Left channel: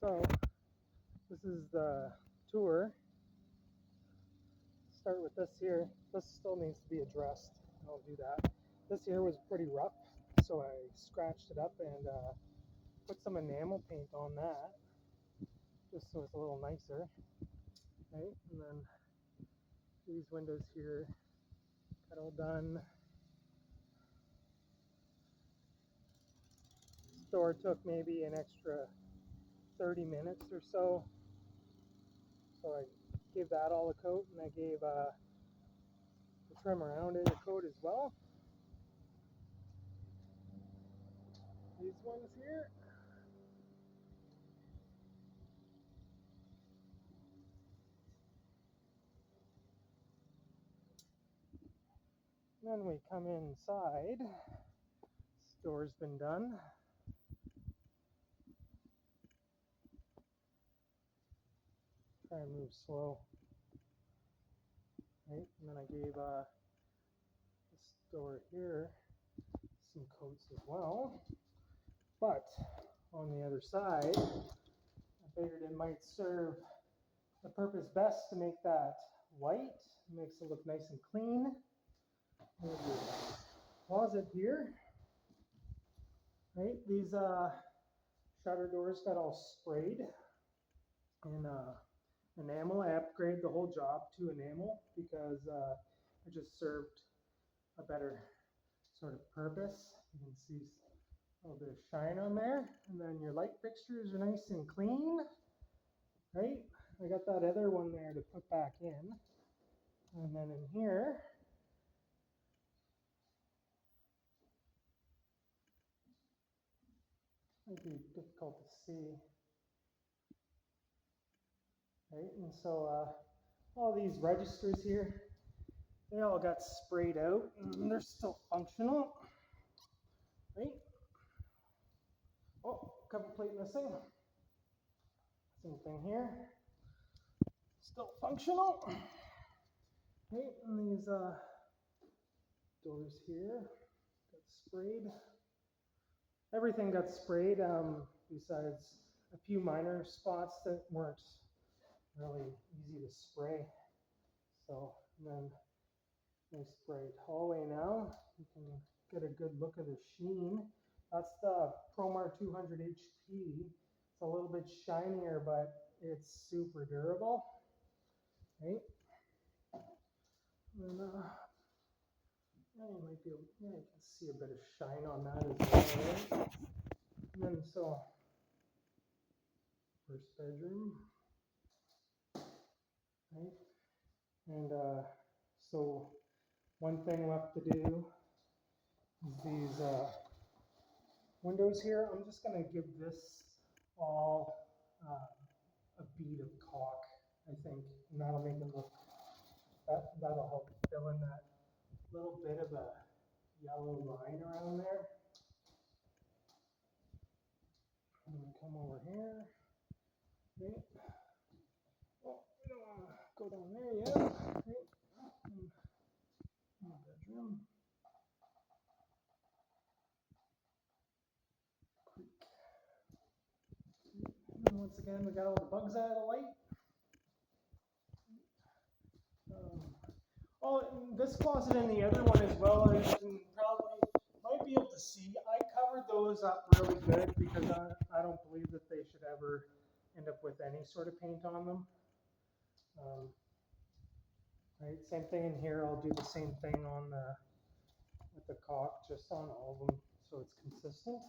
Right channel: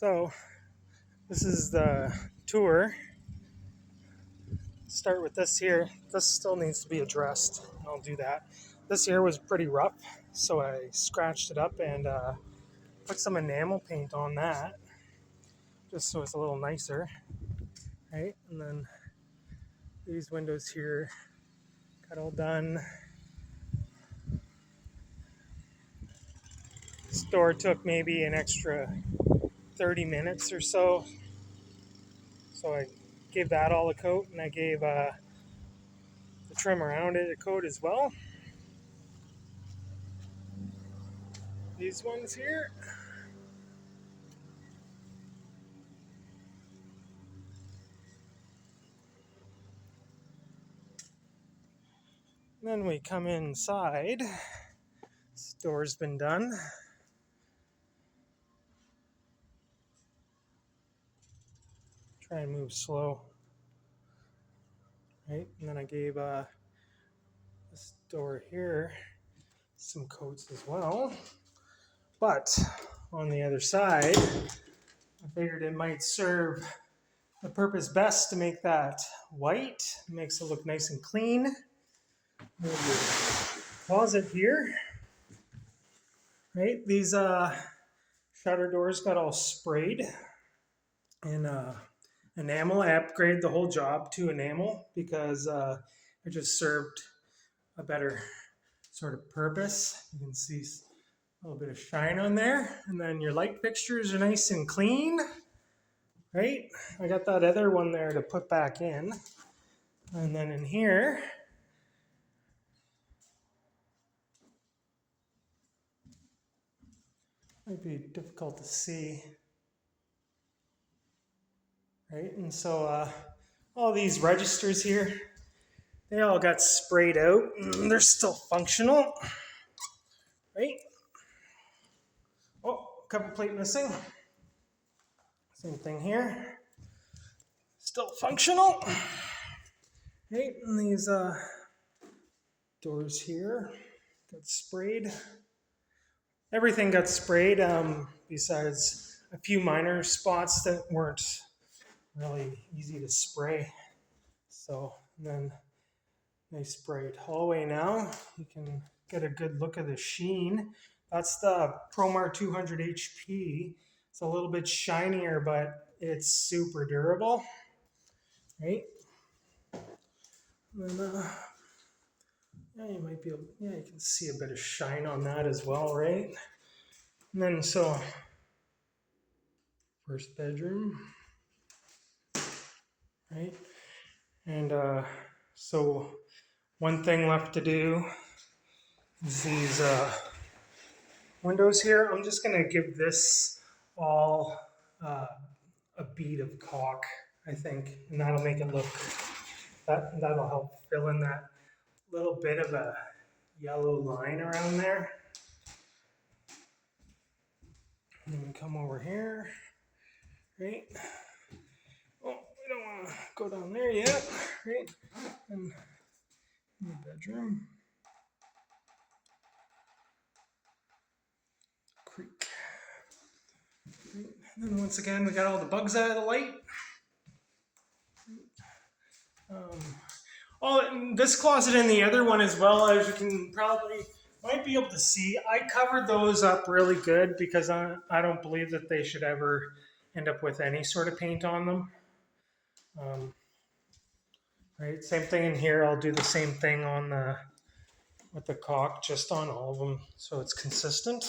So this is the tour. Start with this here. This still needs to be addressed. I'll do that. This here was pretty rough, so I scratched it up and put some enamel paint on that, just so it's a little nicer, right? And then these windows here got all done. This door took maybe an extra 30 minutes or so. So I gave that all a coat, and I gave the trim around it a coat as well. These ones here. Then we come inside. This door's been done. Try and move slow. Right, and then I gave this door here some coats as well. But on the other side, I figured it might serve the purpose best to make that white. It makes it look nice and clean. Move your closet here. Right, these shutter doors got all sprayed and enamel. I upgraded the whole job to enamel because it just served a better sort of purpose. You can see a little bit of shine on there. And then your light fixtures are nice and clean, right? I got that other one there to put back in. And then in here, might be difficult to see, right? And so all these registers here, they all got sprayed out. They're still functional, right? Oh, cover plate missing. Same thing here. Still functional. Right, and these doors here got sprayed. Everything got sprayed besides a few minor spots that weren't really easy to spray. So, and then they sprayed hallway now. You can get a good look at the sheen. That's the Promar 200 HP. It's a little bit shinier, but it's super durable, right? And then, yeah, you might be able, yeah, you can see a bit of shine on that as well, right? And then, so, first bedroom, right? And so, one thing left to do is these windows here. I'm just gonna give this all a bead of caulk, I think, and that'll make it look, that'll help fill in that little bit of a yellow line around there. And then we come over here, right? Oh, we don't want to go down there yet, right? And in the bedroom. Creek. Right. And then once again, we got all the bugs out of the light. This closet and the other one as well, as you can probably might be able to see, I covered those up really good because I don't believe that they should ever end up with any sort of paint on them. Right, same thing in here. I'll do the same thing on with the caulk, just on all of them, so it's consistent.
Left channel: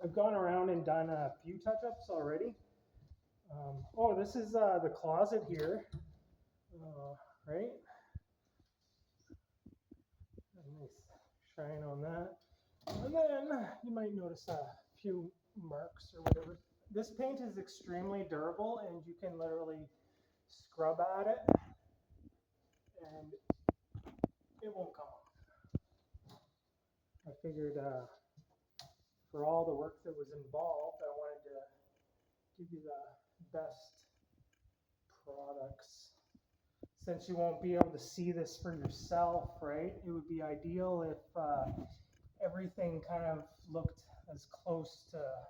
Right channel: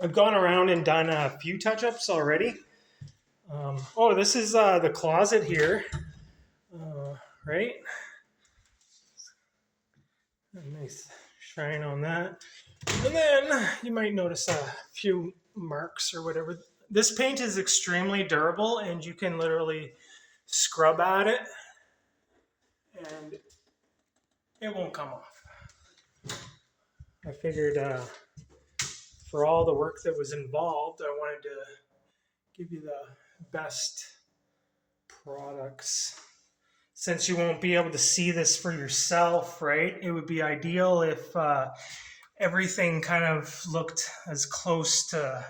I've gone around and done a few touch-ups already. Oh, this is the closet here, right? A nice shine on that. And then you might notice a few marks or whatever. This paint is extremely durable, and you can literally scrub at it and it won't come off. I figured for all the work that was involved, I wanted to give you the best products. Since you won't be able to see this for yourself, right? It would be ideal if everything kind of looked as close to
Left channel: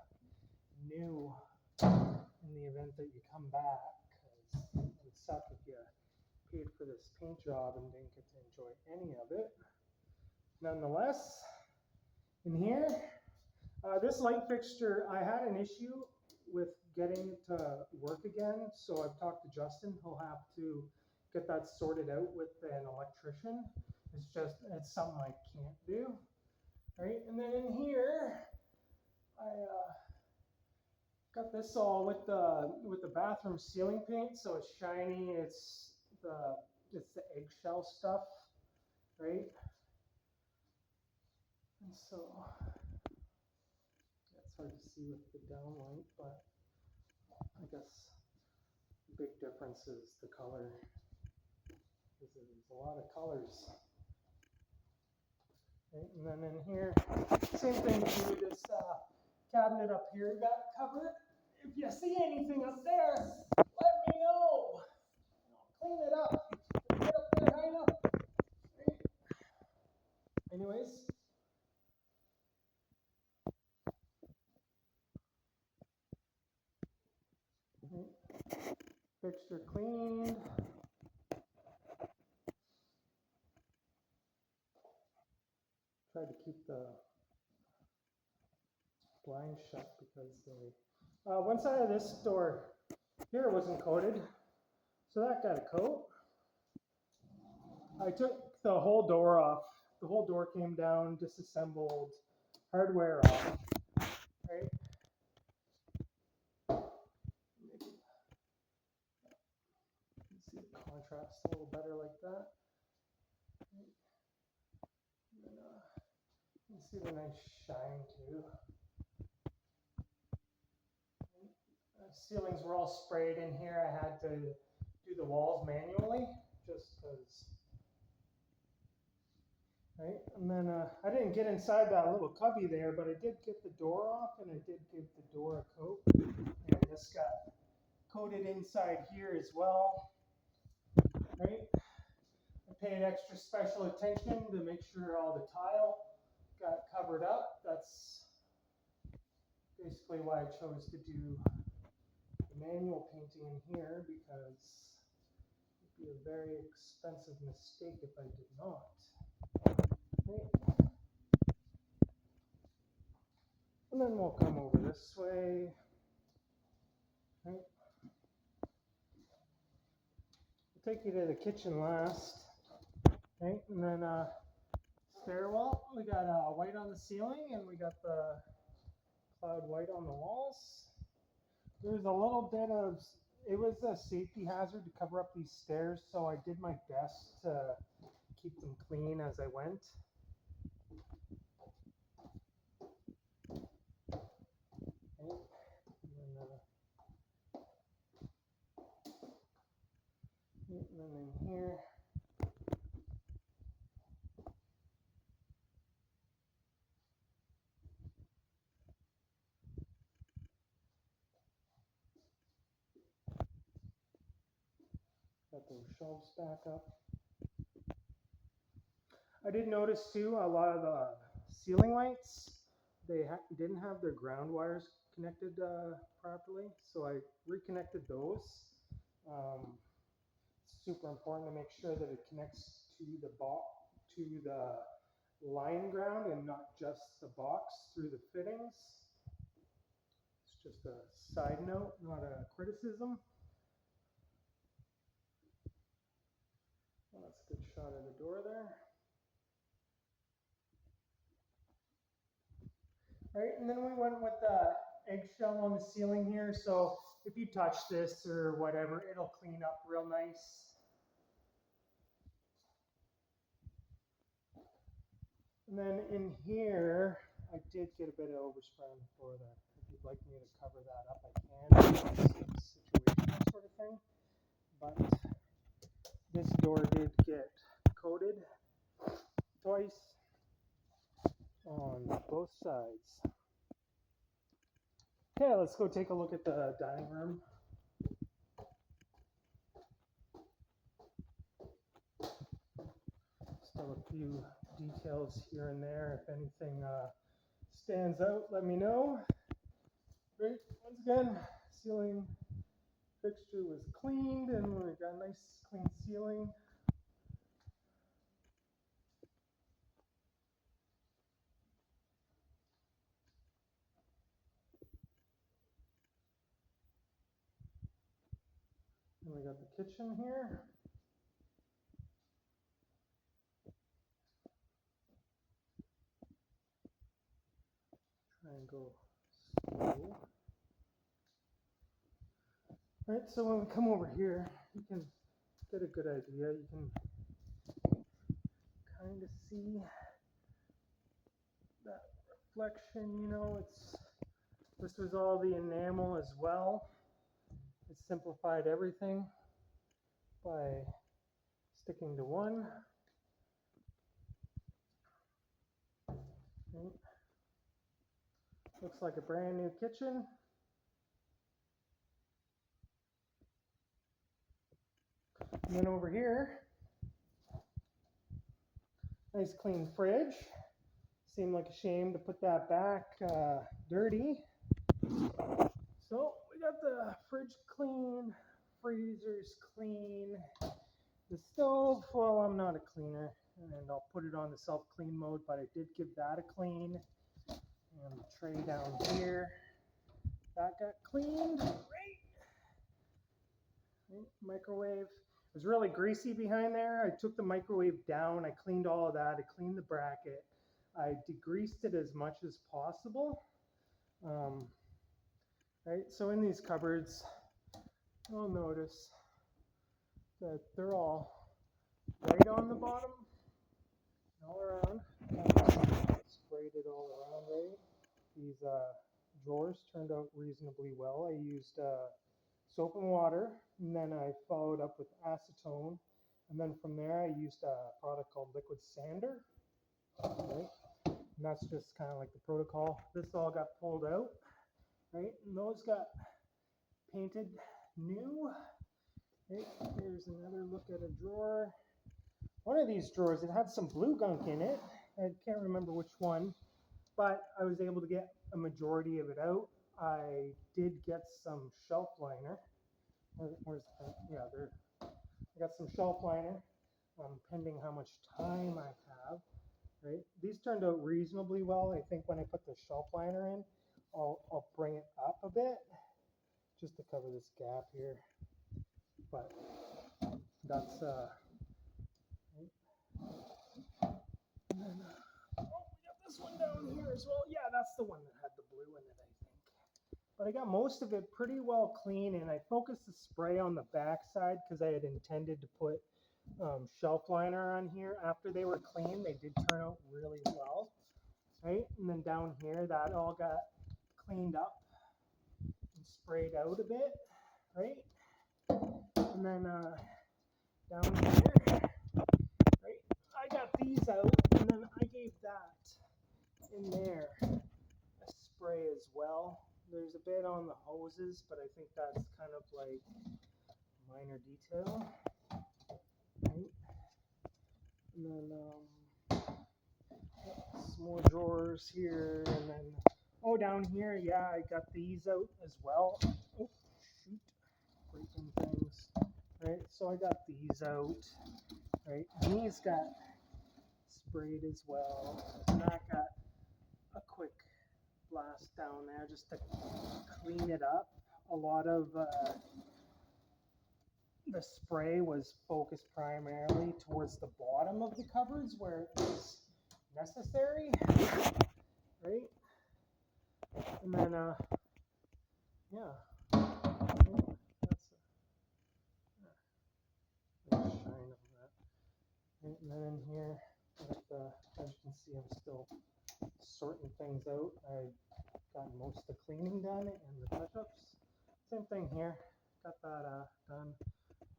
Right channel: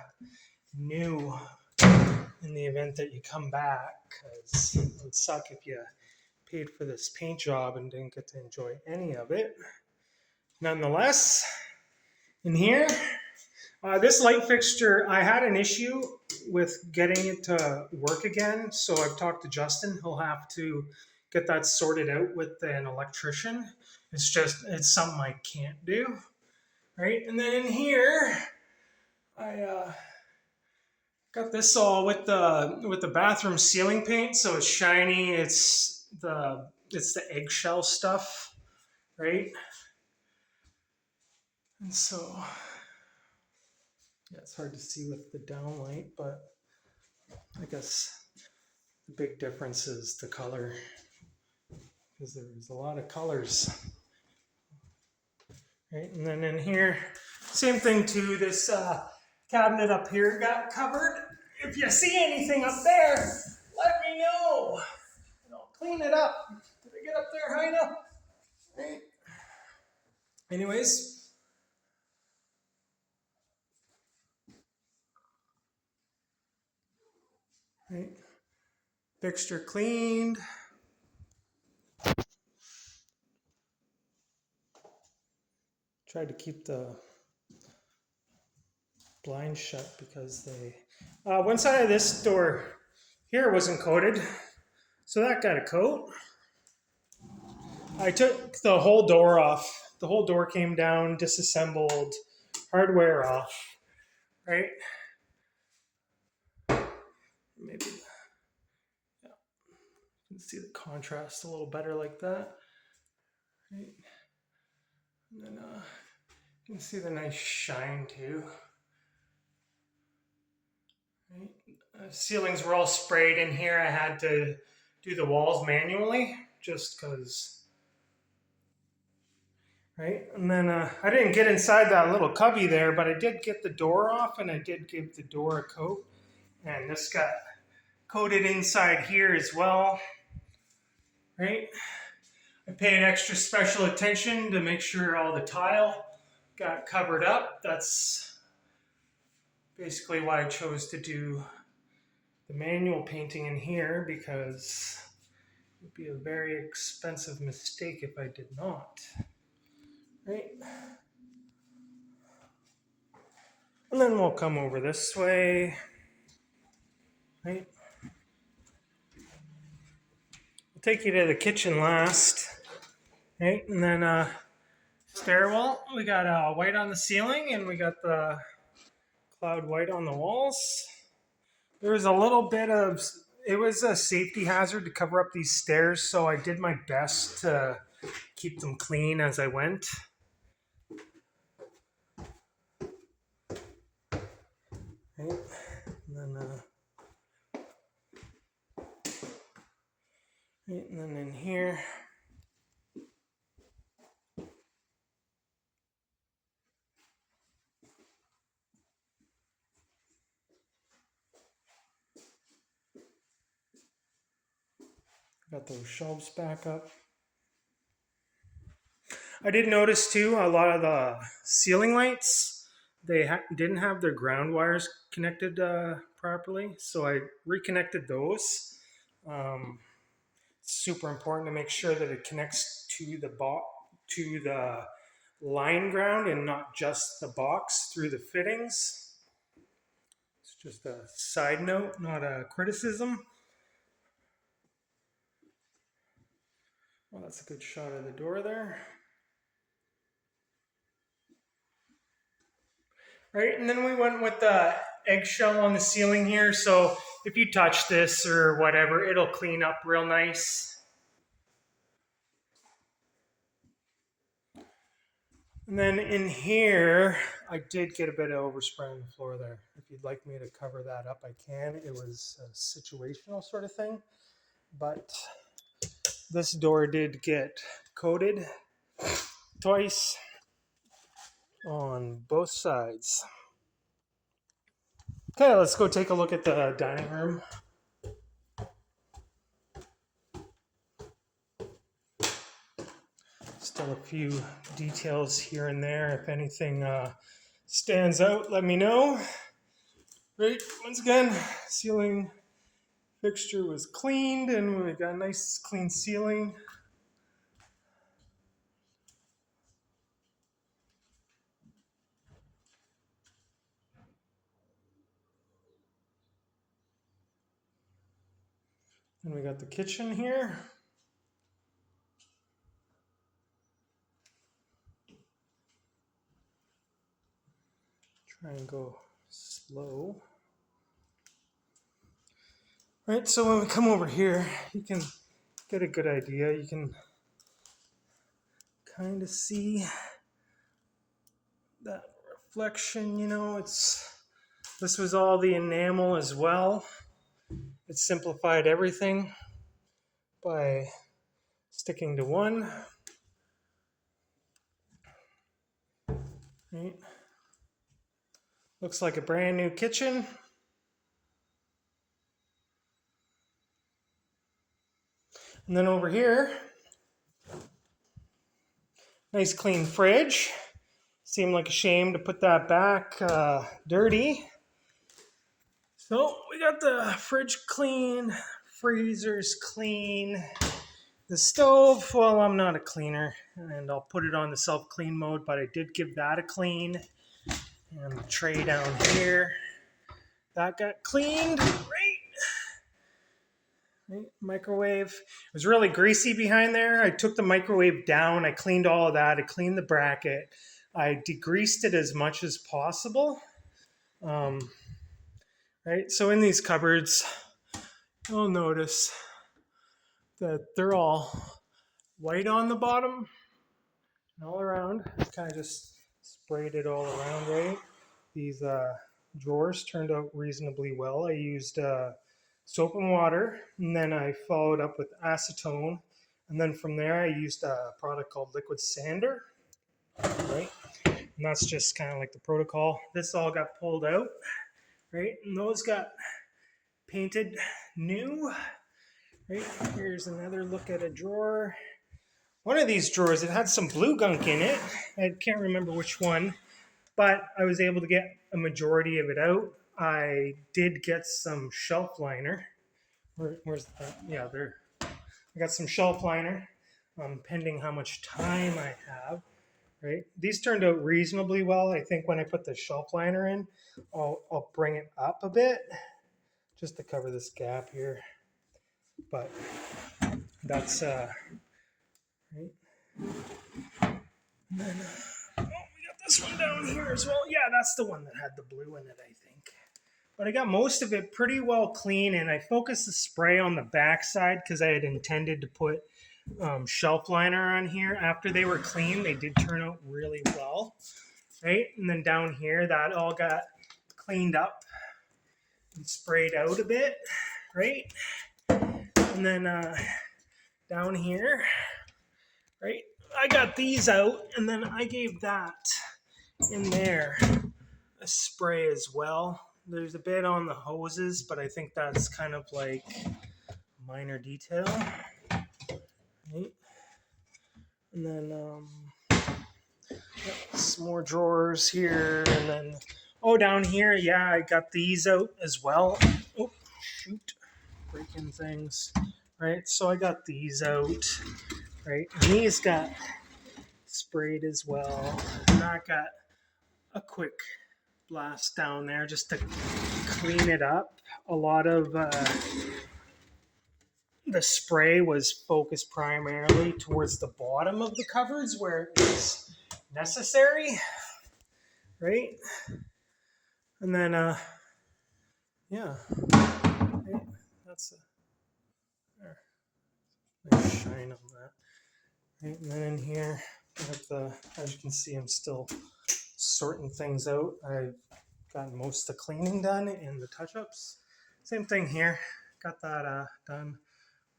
new in the event that you come back, because it would suck if you paid for this paint job and didn't get to enjoy any of it. Nonetheless, in here, this light fixture, I had an issue with getting it to work again, so I've talked to Justin. He'll have to get that sorted out with an electrician. It's something I can't do, right? And then in here, I got this all with the bathroom ceiling paint, so it's shiny. It's the eggshell stuff, right? And so, yeah, it's hard to see with the downlight, but I guess the big difference is the color, because there's a lot of colors, right? And then in here, same thing too. This cabinet up here got covered. If you see anything up there, let me know, and I'll clean it up. Did I get up there high enough? Right. Anyways. Right. Fixture cleaned. Tried to keep the blinds shut because they... one side of this door here wasn't coated, so that got a coat. I took the whole door off. The whole door came down, disassembled, hardware off, right? Maybe, yeah, you can see the contrast a little better like that, right? And then you can see the nice shine too. Right? Ceilings were all sprayed in here. I had to do the walls manually just because. Right, and then I didn't get inside that little cubby there, but I did get the door off, and I did give the door a coat, and this got coated inside here as well. Right, I paid extra special attention to make sure all the tile got covered up. That's basically why I chose to do the manual painting in here, because it would be a very expensive mistake if I did not. Right. And then we'll come over this way. Right. We'll take you to the kitchen last. Right. And then stairwell. We got white on the ceiling, and we got the cloud white on the walls. There was a little bit of... It was a safety hazard to cover up these stairs, so I did my best to keep them clean as I went. Right. And then in here, got those shelves back up. I did notice too, a lot of the ceiling lights, they didn't have their ground wires connected properly, so I reconnected those. It's super important to make sure that it connects to the line ground and not just the box through the fittings. It's just a side note, not a criticism. Well, that's a good shot of the door there. Right, and then we went with the eggshell on the ceiling here, so if you touch this or whatever, it'll clean up real nice. And then in here, I did get a bit of overspray on the floor there. If you'd like me to cover that up, I can. It's a situational sort of thing. But this door did get coated twice on both sides. Okay, let's go take a look at the dining room. Still a few details here and there. If anything stands out, let me know. Right, once again, ceiling fixture was cleaned and we got a nice clean ceiling. And we got the kitchen here. Try and go slow. Right, so when we come over here, you can get a good idea. You can kind of see that reflection, this was all the enamel as well. It simplified everything by sticking to one. Right. Looks like a brand new kitchen. And then over here, nice clean fridge. Seemed like a shame to put that back dirty. So we got the fridge clean, freezers clean, the stove, well, I'm not a cleaner and I'll put it on the self-clean mode, but I did give that a clean. And the tray down here, that got cleaned. Right. Microwave. It was really greasy behind there. I took the microwave down. I cleaned all of that. I cleaned the bracket. I degreased it as much as possible. Right. So in these cupboards, you'll notice that they're all white on the bottom and all around. Kind of just sprayed it all around, right? These drawers turned out reasonably well. I used soap and water, and then I followed up with acetone, and then from there I used a product called liquid sander, right? And that's just kind of like the protocol. This all got pulled out, right? And those got painted new, right? Here's another look at a drawer. One of these drawers, it had some blue gunk in it. I can't remember which one, but I was able to get a majority of it out. I did get some shelf liner. Where's that? Yeah, there. I got some shelf liner, pending how much time I have. Right, these turned out reasonably well. I think when I put the shelf liner in, I'll bring it up a bit, just to cover this gap here. But that's right. And then we got this one down here as well. Yeah, that's the one that had the blue in it, I think. But I got most of it pretty well clean, and I focused the spray on the back side because I had intended to put shelf liner on here. After they were clean, they did turn out really well, right? And then down here, that all got cleaned up and sprayed out a bit, right? And then down here, right, I got these out, and then I gave that in there a spray as well. There's a bit on the hoses, but I think that's kind of like a minor detail. Right. And then some more drawers here, and then down here, yeah, I got these out as well. Oh, shoot, breaking things. Right, so I got these out. Right, and these got sprayed as well. And I got a quick blast down there just to clean it up. A lot of the spray was focused primarily towards the bottom of the cupboards where it was necessary, right? And then, yeah, okay. That's a nice shine on that. Right, and then in here, as you can see, I'm still sorting things out. I've gotten most of the cleaning done and the touch-ups. Same thing here, got that done.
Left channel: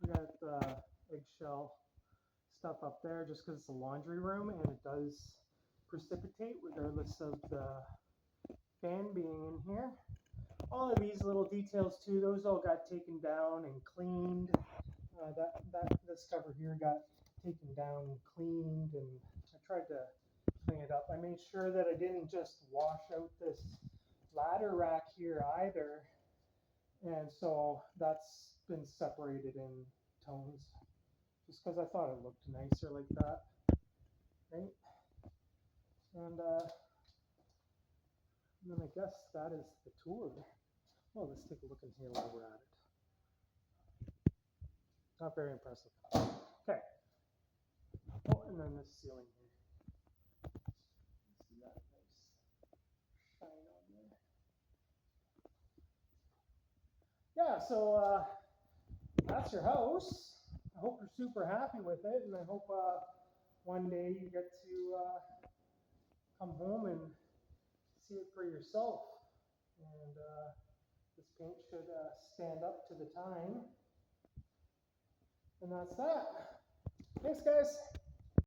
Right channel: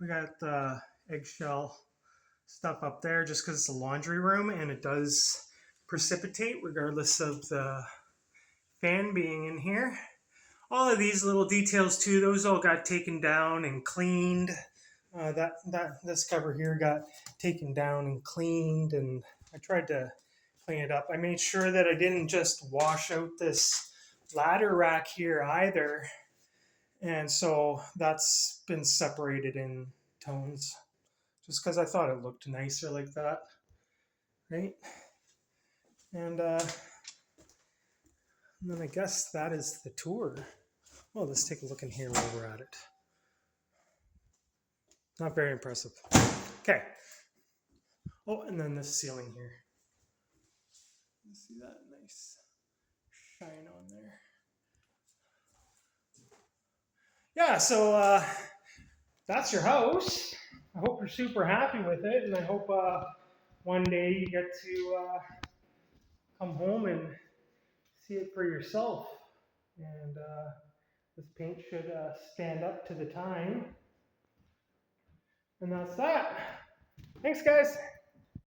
We got the eggshell stuff up there just because it's a laundry room and it does precipitate regardless of the fan being in here. All of these little details too, those all got taken down and cleaned. This cover here got taken down and cleaned, and I tried to clean it up. I made sure that I didn't just wash out this ladder rack here either. And so that's been separated in tones just because I thought it looked nicer like that, right? And then I guess that is the tour. Well, let's take a look in here while we're at it. Not very impressive. Okay. Oh, and then this ceiling here. You see that nice shine on there. Yeah, so that's your house. I hope you're super happy with it, and I hope one day you get to come home and see it for yourself. And this paint should stand up to the time. And that's that. Thanks, guys.